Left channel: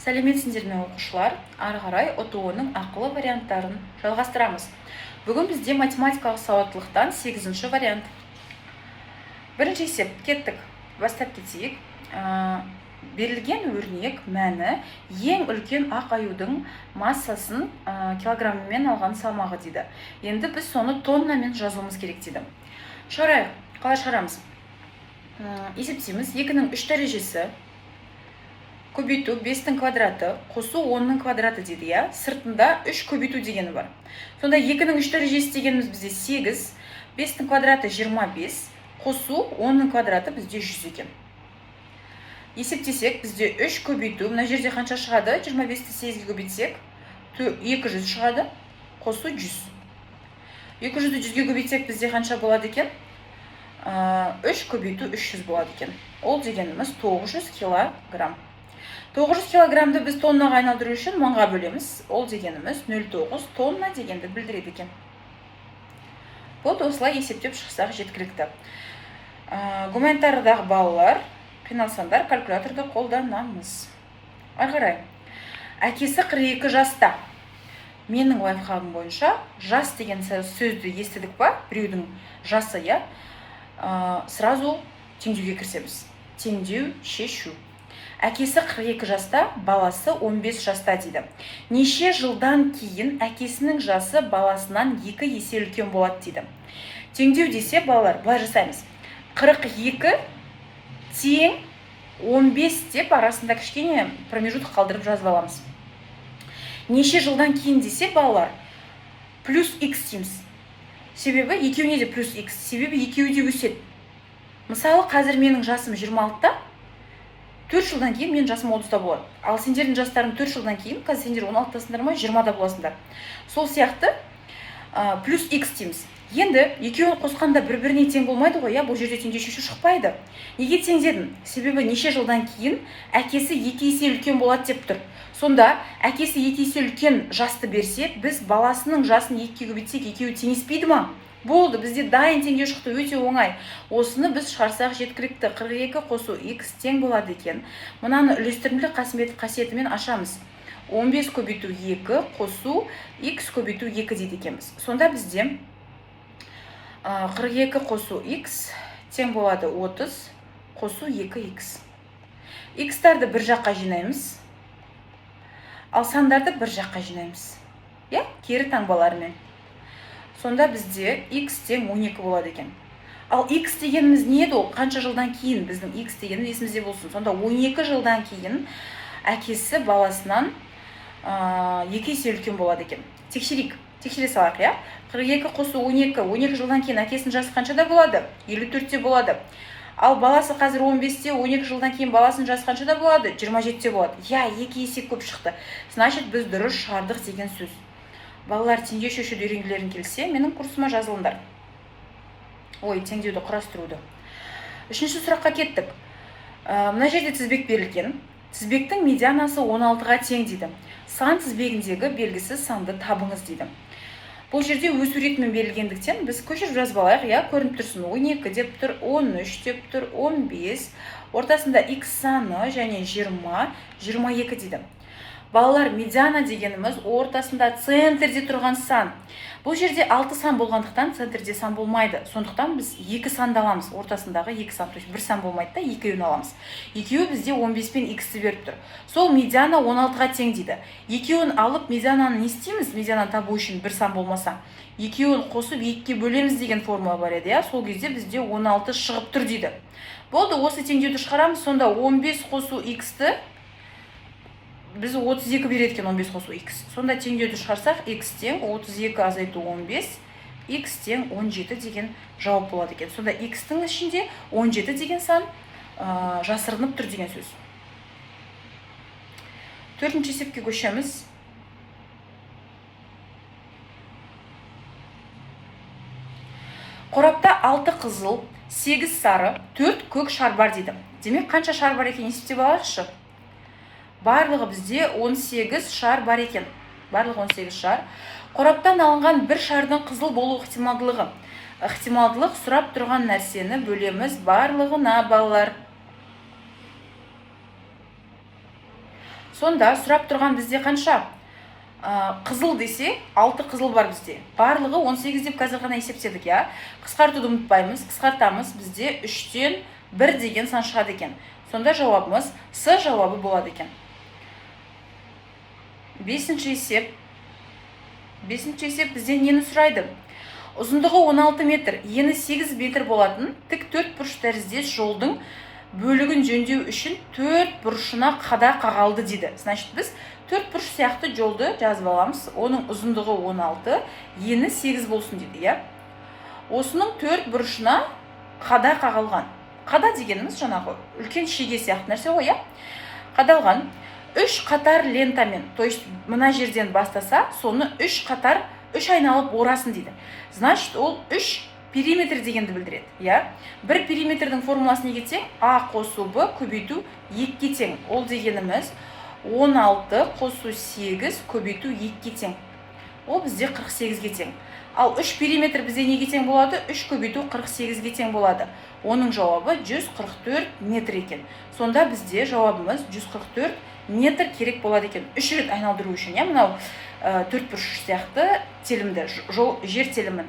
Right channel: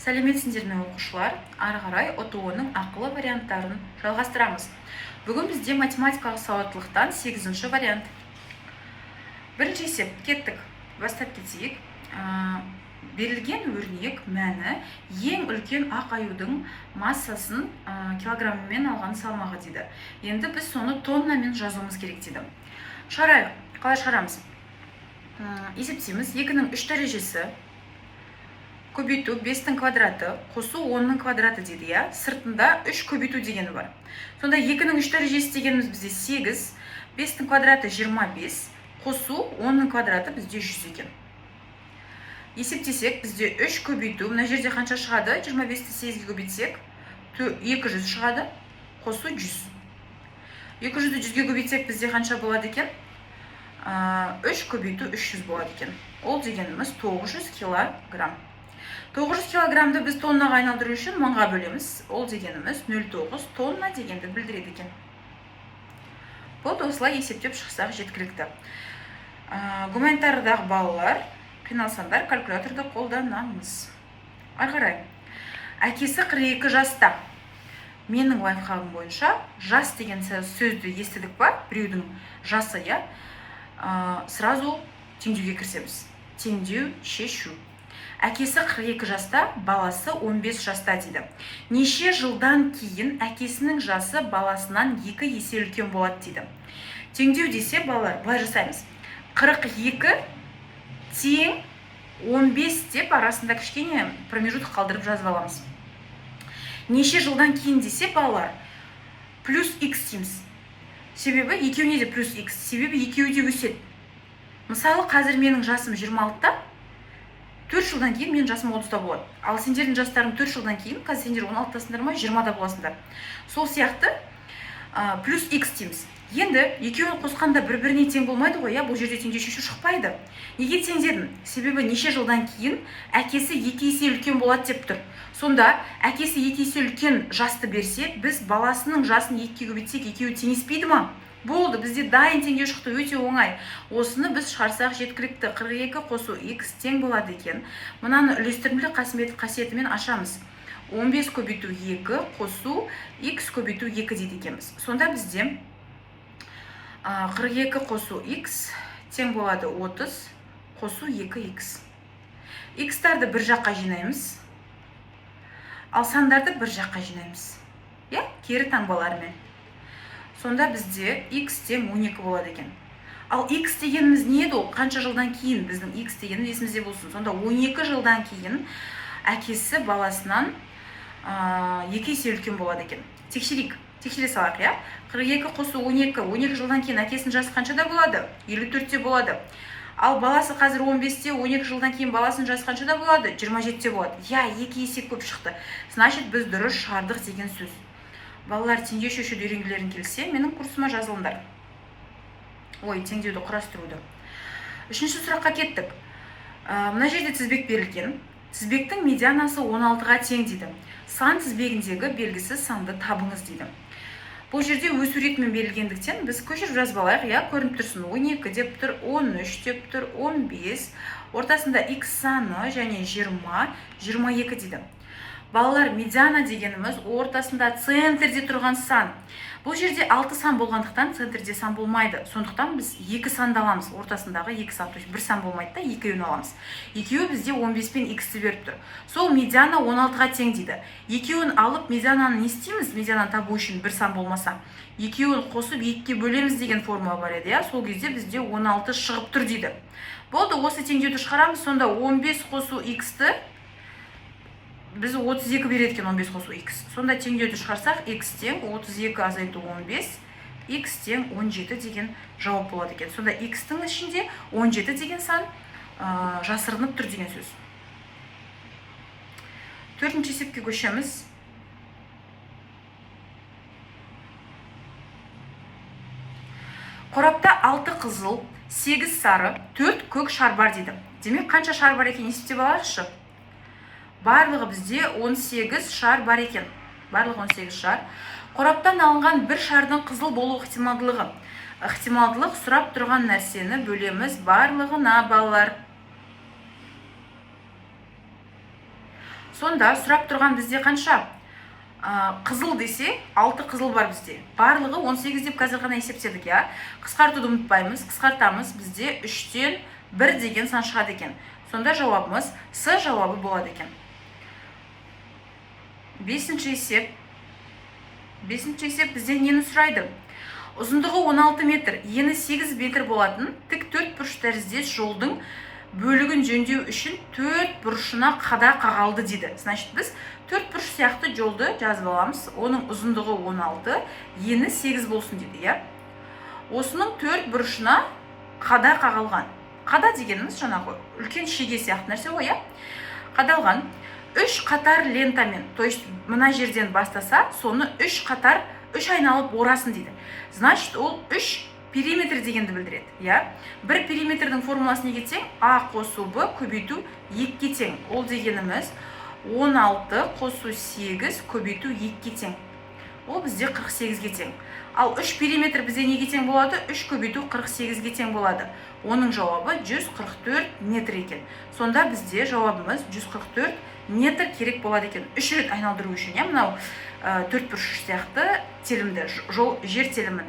Сәлеметсіздер ме оқушылар? Ары қарай ОТО-ның ақылы варианттарын жалғастырамыз. Бүгін бізде математикалық сауаттылықтан 8-ші вариант. Бірінші есеп, кеттік. Бастап кетейік. Берілген өрнек мәні ең үлкен ақ аюдың массасын килограмммен алған салмағы дейді. Енді біз соны тоннамен жазуымыз керек дейді. Шығарайық. Қалай шығарамыз? Есептейміз. 2-ның 3 дәрежесі көбейту 5-тің квадраты, қосу 10-ның квадраты дейді, я? Сыртында 3 көбейту дегені бар. Сонда 2-ның 3 дәрежесі дегеніміз бізде 8, 5-тің квадраты 25, қосу 10-ның квадраты бізде 100 екен. Есептесек, бізде 3 көбейту, мына жерде қанша шығады? 25-ті 8-ге көбейтсек, 200 шығады, қосу 100. 200-ді 100-ге көбейтсек, бізде қанша болады екен? 3 көбейту 300 болады екен. Ол дегеніміз 900 килограмм. 900 килограммды біз тоннаға айналдыру үшін 1000-ға бөлеміз. Ол дегеніміз 0,9 тонна дегенді білдіреді екен. Болды, осылай есептеп шықсақ жеткілікті. Гуманитариядағы балалар, қиналсаңдар, калькуляторды қолданамыз. Ары қарай. Әкесі 42 жаста. Менің лайфхагым бойынша жас деген сөзді естідік па? Біреудің жасы, я? Сразу теңдеуге кірісеміз. Теңдеу, шешу. Әкесі 42 жаста, баласы 15 жаста дейді. Неше жылдан кейін әкесінің жасы баласынан 2 есе үлкен болады дейді. Теңдеу десе, балалар, былай жасаймыз. 42 тең 15 деп арасында кішкене промежуток қалдырып жазып аламыз. Неше жылдан кейін десе, балалар, плюс x дейміз. Себебі екеуіне де плюс x. Себебі екеуі де өседі. Мысалы, қазір менің жасым 26-та, 4 жылдан кейін мен жасым 30-та болады. Ал сендердің жастарың 4 жылдан кейін, қазір сендер 16-тасыңдар ма, 20-да боласыңдар. Сол сияқты плюс x дейміз. Енді екеуін қосқанда бір-біріне тең болмайды ғой, я? Бұл жерде теңдеу шешу шықпайды. Неге тең дедім? Себебі неше жылдан кейін әкесі 2 есе үлкен болады деп тұр. Сонда әкесі 2 есе үлкен жасты берсе, біз баласының жасын 2-ге көбейтсек, екеуі теңеспейді ма? Болды, бізде дайын теңдеу шықты, өте оңай. Осыны біз шығарсақ жеткілікті. 42 қосу x тең болады екен. Мынаны үлестірімді қасиетімен ашамыз. 15 көбейту 2 қосу x көбейту 2 дейді екенбіз. Сонда бізде 42 қосу x тең болады 30 қосу 2x. X-тарды бір жаққа жинаймыз, ал сандарды бір жаққа жинаймыз. Кері таңбаларымен. Сонда бізде x тең 12 болады екен. Ал x дегеніміз не еді ол? Қанша жылдан кейін біздің x дегеніміз есімізде болсын. Сонда 12 жылдан кейін әкесі баласынан 2 есе үлкен болады екен. Тексере салайық, я? 42 қосу 12 жылдан кейін әкесінің жасы қаншада болады? 54-те болады. Ал баласы қазір 15-те, 12 жылдан кейін баласының жасы қаншада болады? 27-те болады. 2 есе көп шықты. Значит, біз дұрыс шығардық деген сөз. Балалар, теңдеу шешуді үйренгілерің келсе, менің курсыма жазылыңдар. Теңдеуді құрастыруды. 3-ші сұраққа кеттік. Мына жерде тізбек берілген. Тізбектің медианасы 16-ға тең дейді. Сан тізбегіндегі белгісіз санды табыңыз дейді. Бұл жерде өсу ретімен берілгендіктен біз көшіріп жазып алайық, я? Көрініп тұрсын, 12 деп тұр, 13 деп тұр, 15. Ортасында x саны және 20, 22 дейді. Балалар, медиана дегеніміз ортасында центрде тұрған сан. Бұл жерде 6 сан болғандықтан центрде сан болмайды. Сондықтан біз 2 санды аламыз. Ортасындағы 2 сан. То есть 1 сан болмайды да, 2-ін аламыз. 2-і бізде 15 пен x-ті беріп тұр. Сол медиана 16-ға тең дейді. 2-ін алып медиананы не істейміз? Медиананы табу үшін 1 сан болмаса. 2-ін қосып 2-ге бөлеміз деген формула бар еді, я? Сол кезде бізде 16 шығып тұр дейді. Болды, осы теңдеуді шығарамыз. Сонда 15 қосу x-ті біз 32 береді екен 15 қосу x. Сонда теңдеуді шығарсақ, x тең 32 азайту 15, x тең 17 деген жауап болады екен. Сонда x-тің ішінде 17 деген сан жасырынып тұр деген сөз. 4-ші есепке көшеміз. Қорапта 6 қызыл, 8 сары, 4 көк шар бар дейді. Демек, қанша шар бар екен есептеп алайықшы? Барлығы бізде 18 шар бар екен. Барлығы 18 шар. Қораптан алынған бір шардың қызыл болу ықтималдылығы. Ықтималдылық сұрап тұрған нәрсені бөлеміз барлығына, балалар. Сонда сұрап тұрған бізде қанша? Қызыл десе 6 қызыл бар бізде. Барлығы 18 деп қазір ғана есептедік, я. Қысқартуды ұмытпаймыз, қысқартамыз. Бізде 3-тен 1 деген сан шығады екен. Сонда жауабымыз С жауабы болады екен. Бесінші есеп бізде нені сұрайды? Ұзындығы 16 метр, ені 8 метр болатын тік 4 бұрыш тәріздес жолдың бөлігін жөндеу үшін 4 бұрышына қада қағалды дейді. Значит, біз 4 бұрыш сияқты жолды жазып аламыз. Оның ұзындығы 16, ені 8 болсын дейді, я. Осының 4 бұрышына қада қағалған. Қада дегеніміз жаңағы үлкен шеге сияқты нәрсе ғой, я. Қадалған 3 қатар лентамен, то есть мына жерден бастаса, соны 3 қатар 3 айналып орасын дейді. Значит, ол 3 периметр дегенді білдіреді, я. Бір периметрдің формуласына кетсең, А қосу Б көбейту 2-ге тең. Ол дегеніміз 16 қосу 8 көбейту 2-ге тең. Ол бізде 48-ге тең. Ал 3 периметр бізде неге тең болады? 3 көбейту 48-ге тең болады. Оның жауабы 144 метр екен. Сонда бізде жауабымыз 144 метр керек болады екен. 3 рет айналдыру үшін, я, мынау 4 бұрыш сияқты телімді, жер телімін.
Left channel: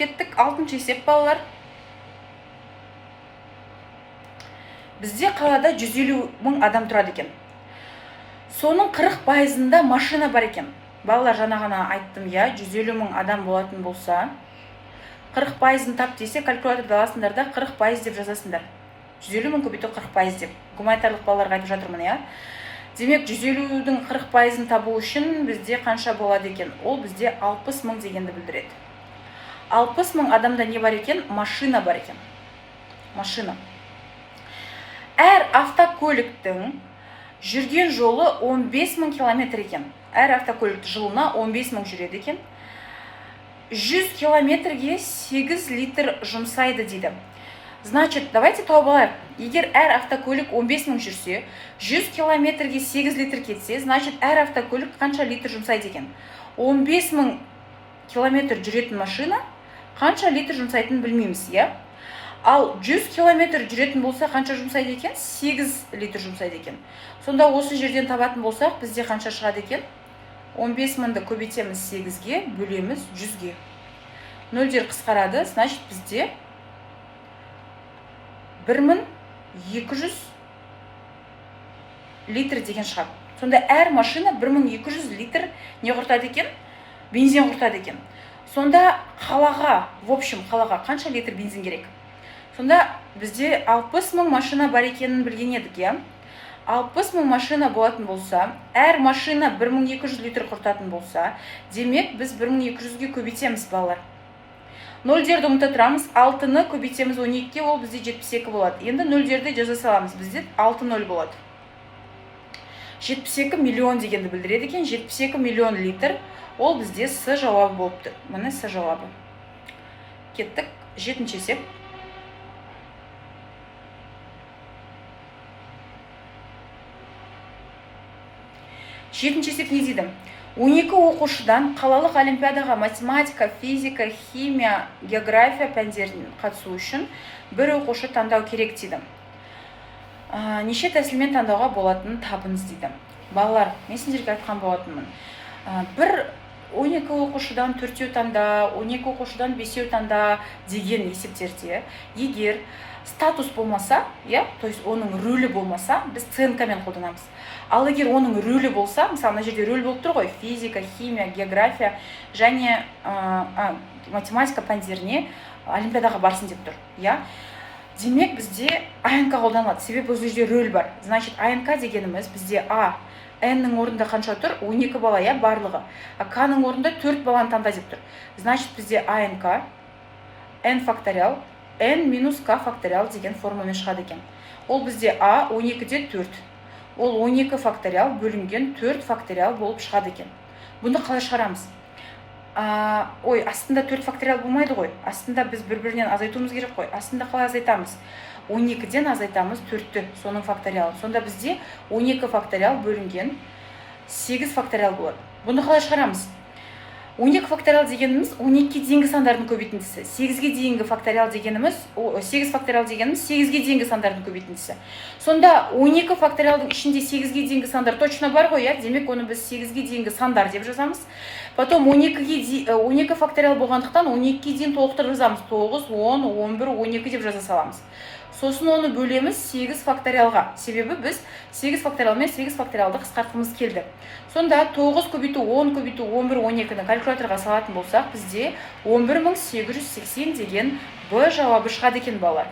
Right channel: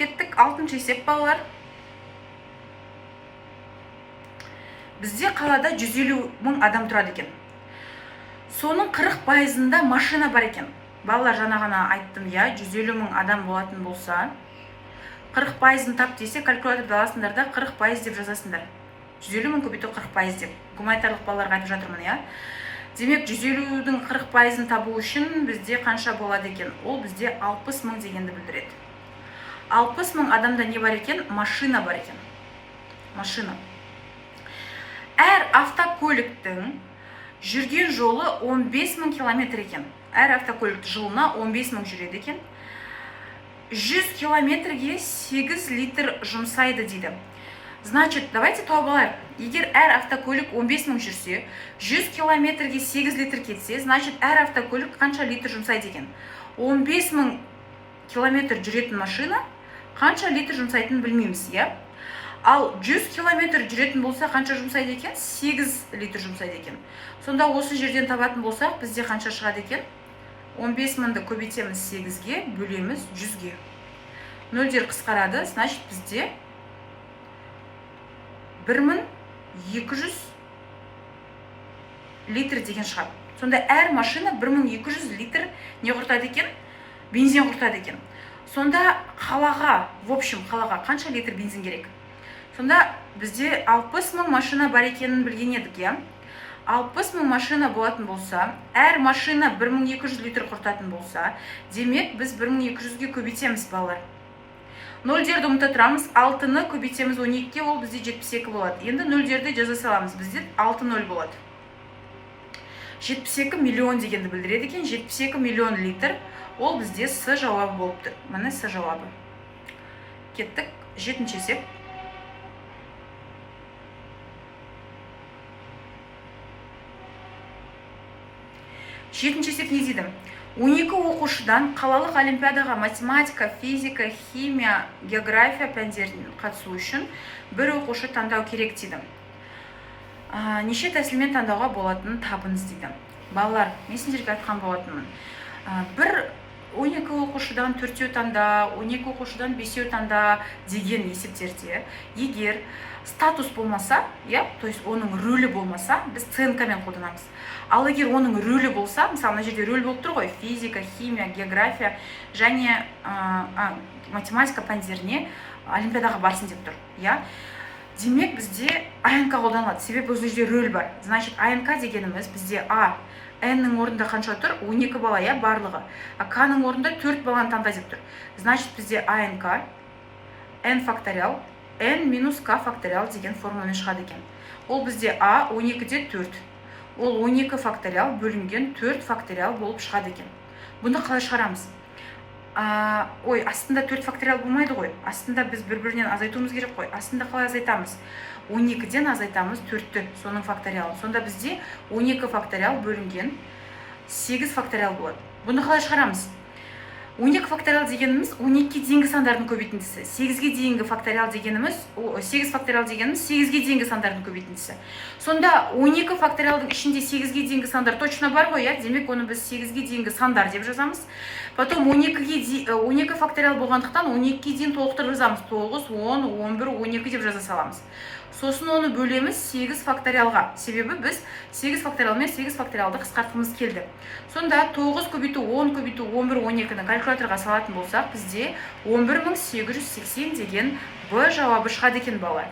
Кеттік 6-шы есеп, балалар. Бізде қалада 150 мың адам тұрады екен. Соның 40%-ында машина бар екен. Балалар, жаңа ғана айттым, я, 150 мың адам болатын болса, 40%-ын тап десе, калькуляторды аласыңдар да 40% деп жазасыңдар. 150 мың көбейту 40% деп. Гуманитарлық балаларға айтып жатырмын, я. Демек, 150-дің 40%-ын табу үшін бізде қанша болады екен? Ол бізде 60 мың дегенді білдіреді. 60 мың адамда не бар екен? Машина бар екен. Машина. Әр автокөліктің жүрген жолы 15 мың километр екен. Әр автокөлік жылына 15 мың жүреді екен. 100 километрге 8 литр жұмсайды дейді. Значит, давайте тауып алайық. Егер әр автокөлік 15 мың жүрсе, 100 километрге 8 литр кетсе, значит, әр автокөлік қанша литр жұмсайды екен? 15 мың километр жүретін машина қанша литр жұмсайтынын білмейміз, я? Ал 100 километр жүретін болса, қанша жұмсайды екен? 8 литр жұмсайды екен. Сонда осы жерден табатын болсақ, бізде қанша шығады екен? 15 мыңды көбейтеміз 8-ге, бөлеміз 100-ге. Нөлдер қысқарады, значит, бізде 1200 литр деген шығады. Сонда әр машина 1200 литр не құртады екен? Бензин құртады екен. Сонда қалаға, в общем, қалаға қанша литр бензин керек? Сонда бізде 60 мың машина бар екенін білген едік, я? 60 мың машина болатын болса, әр машина 1200 литр құртатын болса, демек біз 1200-ге көбейтеміз, балалар. Нөлдерді ұмыта тұрамыз, 6-ны көбейтеміз 12-ге, ол бізде 72 болады. Енді нөлдерді жаза саламыз, бізде 6-0 болады. 72 миллион дегенді білдіреді екен, 72 миллион литр, ол бізде С жауабы болып тұр. Міне С жауабы. Кеттік, 7-ші есеп. 7-ші есеп не дейді? 12 оқушыдан қалалық олимпиадаға математика, физика, химия, география пәндерінен қатысу үшін бір оқушы таңдау керек дейді. Неше тәсілмен таңдауға болатынын табыңыз дейді. Балалар, мен сендерге айтқан болатынмын. Бір 12 оқушыдан 4-еу таңда, 12 оқушыдан 5-еу таңда деген есептерде, егер статус болмаса, я, то есть оның рөлі болмаса, біз ценкамен қолданамыз. Ал егер оның рөлі болса, мысалы, мына жерде рөл болып тұр ғой, физика, химия, география және математика пәндеріне олимпиадаға барсын деп тұр, я. Демек бізде АНК қолданылады, себебі бұл жерде рөл бар. Значит, АНК дегеніміз бізде N-нің орнында қанша тұр? 12 бала, я, барлығы. К-нің орнында 4 баланы таңда деп тұр. Значит, бізде АНК, N факториал, N минус К факториал деген формулямен шығады екен. Ол бізде А 12-де 4. Ол 12 факториал бөлінген 4 факториал болып шығады екен. Бұны қалай шығарамыз? Ой, астында 4 факториал болмайды ғой. Астында біз бір-бірінен азайтуымыз керек қой. Астында қалай азайтамыз? 12-ден азайтамыз 4-ті, соның факториалы. Сонда бізде 12 факториал бөлінген 8 факториал болады. Бұны қалай шығарамыз? 12 факториал дегеніміз 12-ге дейінгі сандардың көбейтіндісі. 8-ге дейінгі факториал дегеніміз 8 факториал дегеніміз 8-ге дейінгі сандардың көбейтіндісі. Сонда 12 факториалдың ішінде 8-ге дейінгі сандар точно бар ғой, демек оны біз 8-ге дейінгі сандар деп жазамыз. Потом 12 факториал болғандықтан 12-ге дейін толықтырып жазамыз. 9, 10, 11, 12 деп жаза саламыз. Сосын оны бөлеміз 8 факториалға. Себебі біз 8 факториал мен 8 факториалды қысқартқымыз келді. Сонда 9 көбейту 10 көбейту 11 12-ні калькуляторға салатын болсақ, бізде 11880 деген Б жауабы шығады екен, балалар.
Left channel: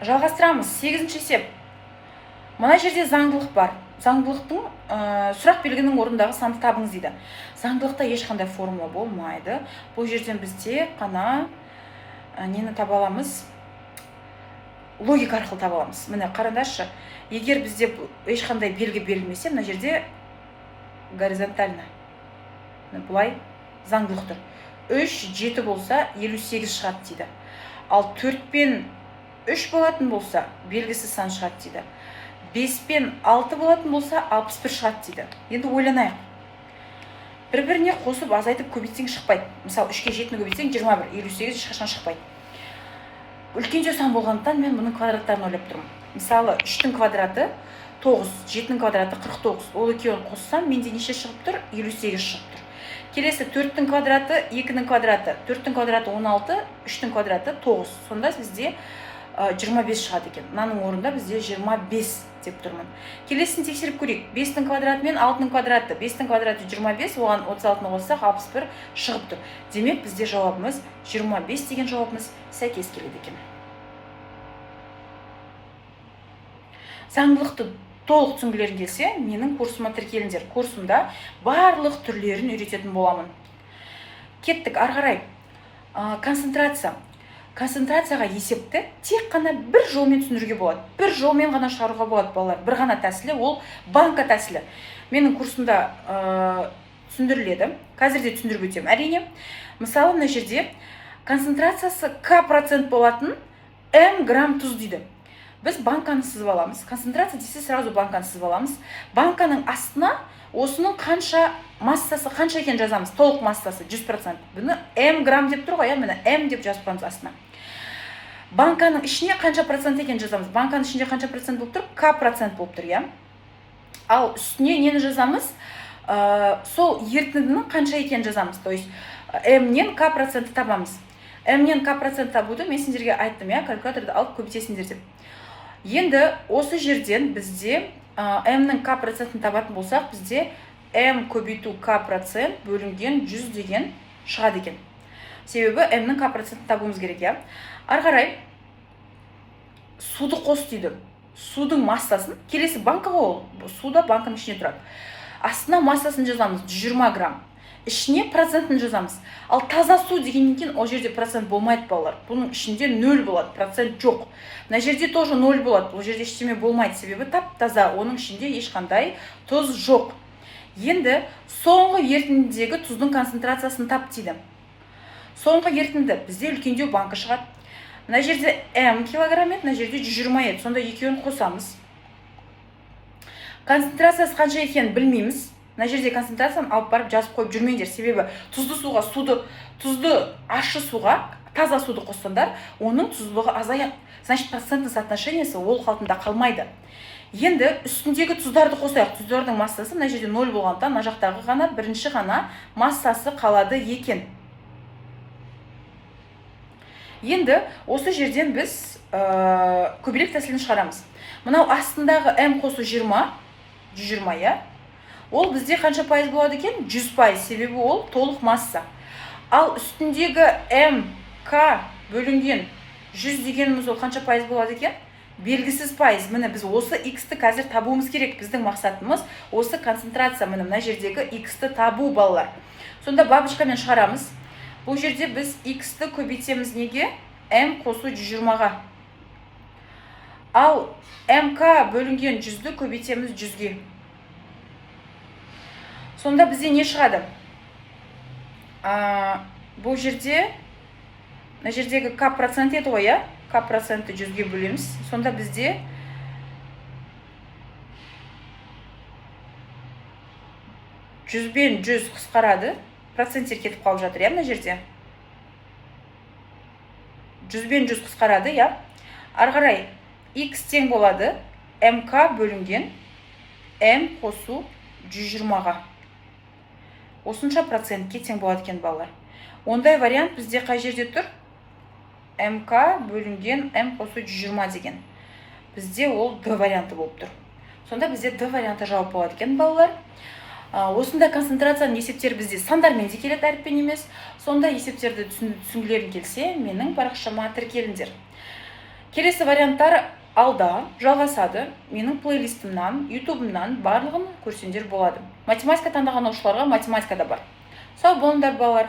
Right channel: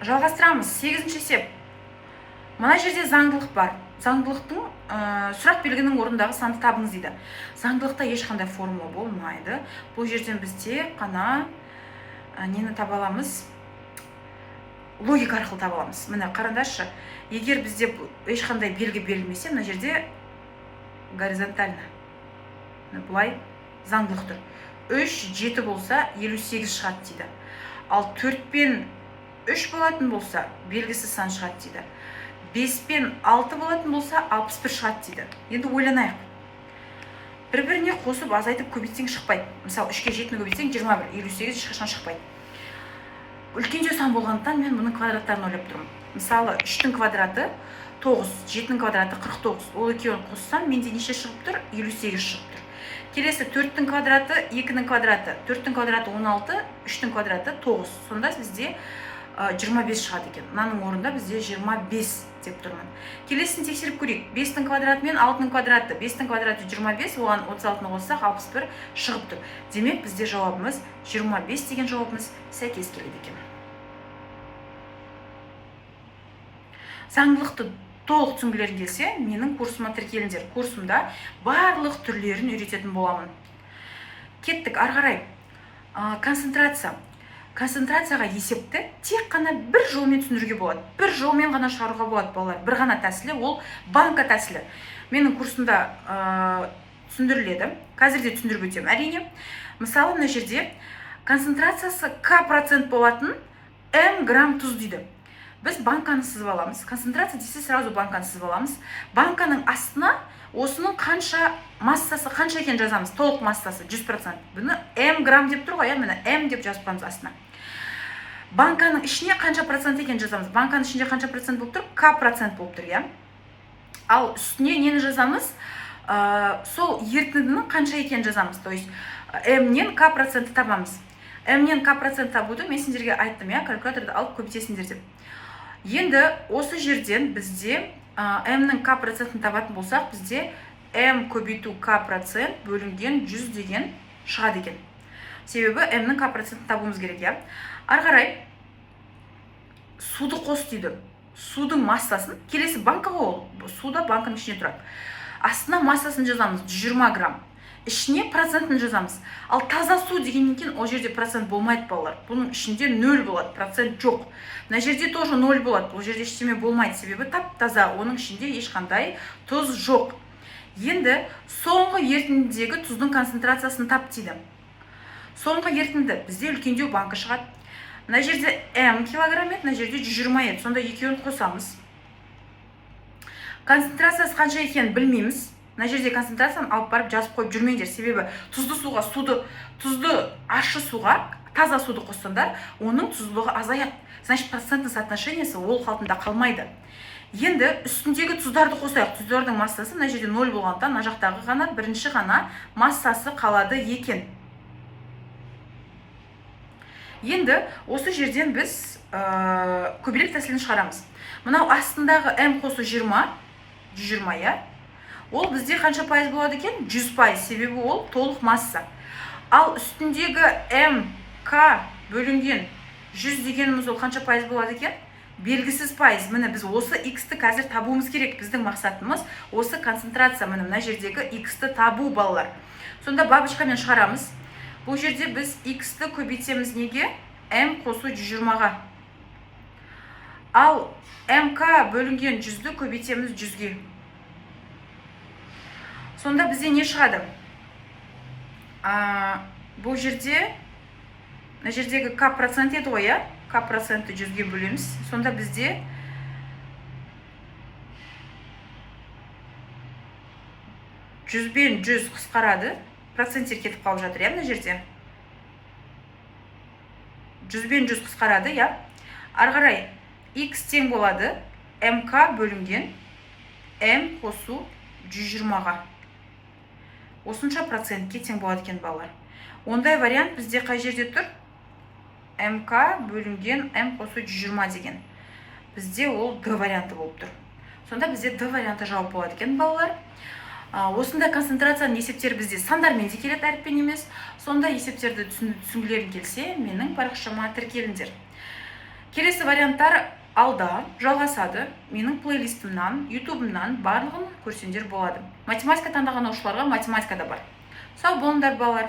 Жалғастырамыз. 8-ші есеп. Мына жерде заңдылық бар. Заңдылықтың сұрақ белгінің орындағы санды табыңыз дейді. Заңдылықта ешқандай формула болмайды. Бұл жерден бізде қана нені таба аламыз? Логика арқылы таба аламыз. Міне қараңдаршы. Егер бізде ешқандай белгі берілмесе, мына жерде горизонтально. Бұлай заңдылық тұр. 3, 7 болса 58 шығады дейді. Ал 4 пен 3 болатын болса белгісіз сан шығады дейді. 5 пен 6 болатын болса 61 шығады дейді. Енді ойланайық. Бір-біріне қосып азайтып көбейтсең шықпайды. Мысалы 3-ке 7-ні көбейтсең 21, 58 ешқашан шықпайды. Үлкенде сан болғандықтан мен бұның квадраттарын ойлап тұрмын. Мысалы 3-тің квадраты 9, 7-нің квадраты 49. Ол екеуін қоссам, менде неше шығып тұр? 58 шығып тұр. Келесі 4-тің квадраты 2-нің квадраты. 4-тің квадраты 16, 3-тің квадраты 9. Сонда бізде 25 шығады екен. Мынаның орнында бізде 25 деп тұрмын. Келесін тексеріп көрейік. 5-тің квадраты мен 6-тың квадраты. 5-тің квадраты 25, оған 36-ны қоссақ 61 шығып тұр. Демек бізде жауабымыз 25 деген жауабымыз сәйкес келеді екен. Заңдылықты толық түсінгілерің келсе, менің курсыма тіркеліңдер. Курсымда барлық түрлерін үйрететін боламын. Кеттік, ары қарай. Концентрация. Концентрацияға есепті тек қана бір жолмен түсіндіруге болады. Бір жолмен ғана шығаруға болады, балалар. Бір ғана тәсілі, ол банка тәсілі. Менің курсымда түсіндіріледі. Қазір де түсіндіріп өтемін. Әрине, мысалы, мына жерде концентрациясы К% болатын М грамм тұз дейді. Біз банканы сызып аламыз. Концентрация десе, сразу банканы сызып аламыз. Банканың астына осының қанша массасы қанша екен жазамыз. Толық массасы 100%. Бұны М грамм деп тұр ғой, міне М деп жазып қоямыз астына. Банканың ішіне қанша процент екен жазамыз. Банканың ішінде қанша процент болып тұр? К% болып тұр, Ал үстіне нені жазамыз? Сол ерітіндінің қанша екен жазамыз. То есть М-нен К% табамыз. М-нен К% табуды мен сендерге айттым, калькуляторды алып көбейтесіңдер деп. Енді осы жерден бізде М-нің К%-ін табатын болсақ, бізде М көбейту К% бөлінген 100 деген шығады екен. Себебі М-нің К%-ін табуымыз керек, Ары қарай суды қос дейді. Судың массасын, келесі банка ғой, суда банканың ішіне тұрады. Астына массасын жазамыз 120 грамм. Ішіне процентін жазамыз. Ал таза су дегеннен кейін ол жерде процент болмайды, балалар. Бұның ішінде 0 болады, процент жоқ. Мына жерде тоже 0 болады. Ол жерде ештеме болмайды, себебі тап-таза, оның ішінде ешқандай тұз жоқ. Енді соңғы ерітіндідегі тұздың концентрациясын тап дейді. Соңғы ерітінді бізде үлкендеу банка шығады. Мына жерде М килограмм еді, мына жерде 120 еді. Сонда екеуін қосамыз. Концентрациясы қанша екенін білмейміз. Мына жерде концентрацияны алып барып жазып қойып жүрмеңдер. Себебі тұзды суға, тұзды ащы суға таза суды қоссаңдар, оның тұздылығы азаяды. Значит, процентный соотношениесі ол қалпында қалмайды. Енді үстіндегі тұздарды қосайық. Тұздардың массасы мына жерде 0 болғандықтан, мына жақтағы ғана бірінші ғана массасы қалады екен. Енді осы жерден біз көбелек тәсілін шығарамыз. Мынау астындағы М қосу 120, Ол бізде қанша пайыз болады екен? 100%, себебі ол толық масса. Ал үстіндегі М, К бөлінген 100 дегеніміз ол қанша пайыз болады екен? Белгісіз пайыз. Міне біз осы X-ті қазір табуымыз керек. Біздің мақсатымыз осы концентрация, мына жердегі X-ті табу, балалар. Сонда бабочкамен шығарамыз. Бұл жерде біз X-ті көбейтеміз неге? М қосу 120-ға. Ал МК бөлінген 100-ді көбейтеміз 100-ге. Сонда бізде не шығады? Бұл жерде, мына жердегі К% еді ғой, К% 100-ге бөлеміз. Сонда бізде 100 бен 100 қысқарады, проценттер кетіп қалып жатыр, мына жерде. 100 бен 100 қысқарады, ары қарай x тең болады mk бөлінген m қосу 120-ға. Осынша процентке тең болады екен, балалар. Ондай вариант бізде қай жерде тұр? mk бөлінген m қосу 120 деген. Бізде ол d варианты болып тұр. Сонда бізде d варианты жауап болады екен, балалар. Осында концентрацияның есептері бізде сандармен де келеді, әріппен емес. Сонда есептерді түсінгілерің келсе, менің парақшама тіркеліңдер. Келесі варианттар алда жалғасады. Менің плейлистімнан, ютубымнан барлығын көрсеңдер болады. Математика таңдаған оқушыларға математика да бар. Сау болыңдар, балалар.